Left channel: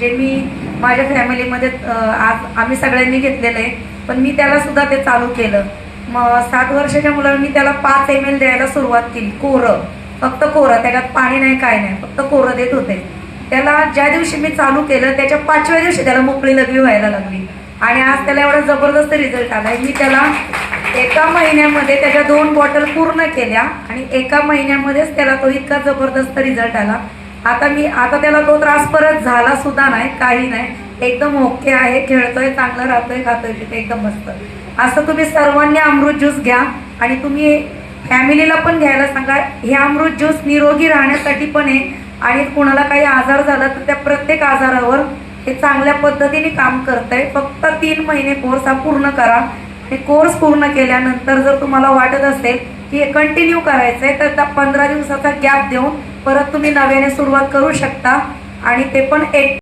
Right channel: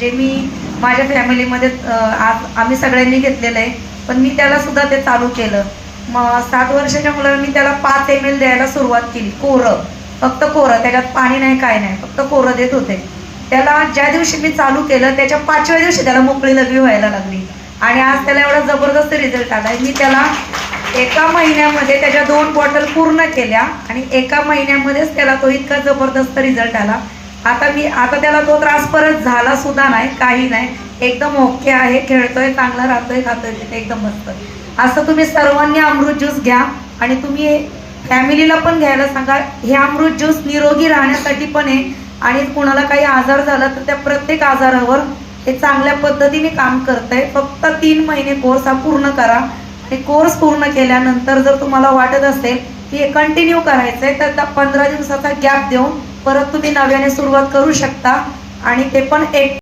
जे मी माझ्या फॅमिलीमध्ये आज आम्ही सगळ्यांनी घेतलेलं आहे, पण मी त्याला सुद्धा ते चालू केलं. मग 7 वर्षाच्या मुलाला मी त्याला 5 ml द्यायला सुरुवात केली, कोरं, फक्त कोरं, त्याच्यात पाणी नाही काय नाही, फक्त कोरं देत होते. त्याला ज्या दिवशी मी चालू केलं त्याच्या 5व्या दिवशी त्याला मोकळी लघवी व्हायला लागली आणि आज त्याला एवढा जबरदस्त रिझल्ट आला. मी त्याला एका महिन्यामध्ये त्याच्या 2 बॉटल पूर्ण केल्या आणि एका महिन्यामध्येच त्याला तो इतका जबरदस्त रिझल्ट आला. आता त्याला तो त्रास परत झाला सुद्धा नाही, काही नाही, एकदम ओके आहे, खेळतोय, चांगलं राहतोय, खातोय, तिथे एकदम मस्त. असं तुम्ही सर्वांनी अमृत ज्यूस घ्या आणि तुम्ही फॅमिलीला पण घ्यायला सांगा. हे अमृत ज्यूस निरोगी राहण्यासाठी पण आहे आणि कुणाला काही आजार झाला तर त्या प्रत्येक आजारावर हे चांगल्या पद्धतीने काम करतंय. फक्त 3 महिने कोर्स हा पूर्ण करा आणि कोर्स पूर्ण केल्यानंतर जर तुम्हाला वाटत असेल की हे कंटिन्यू करायचं आहे तर 15 दिवसाचा गॅप देऊन परत तुम्ही नव्याने सुरुवात करू शकता आणि ते पण एक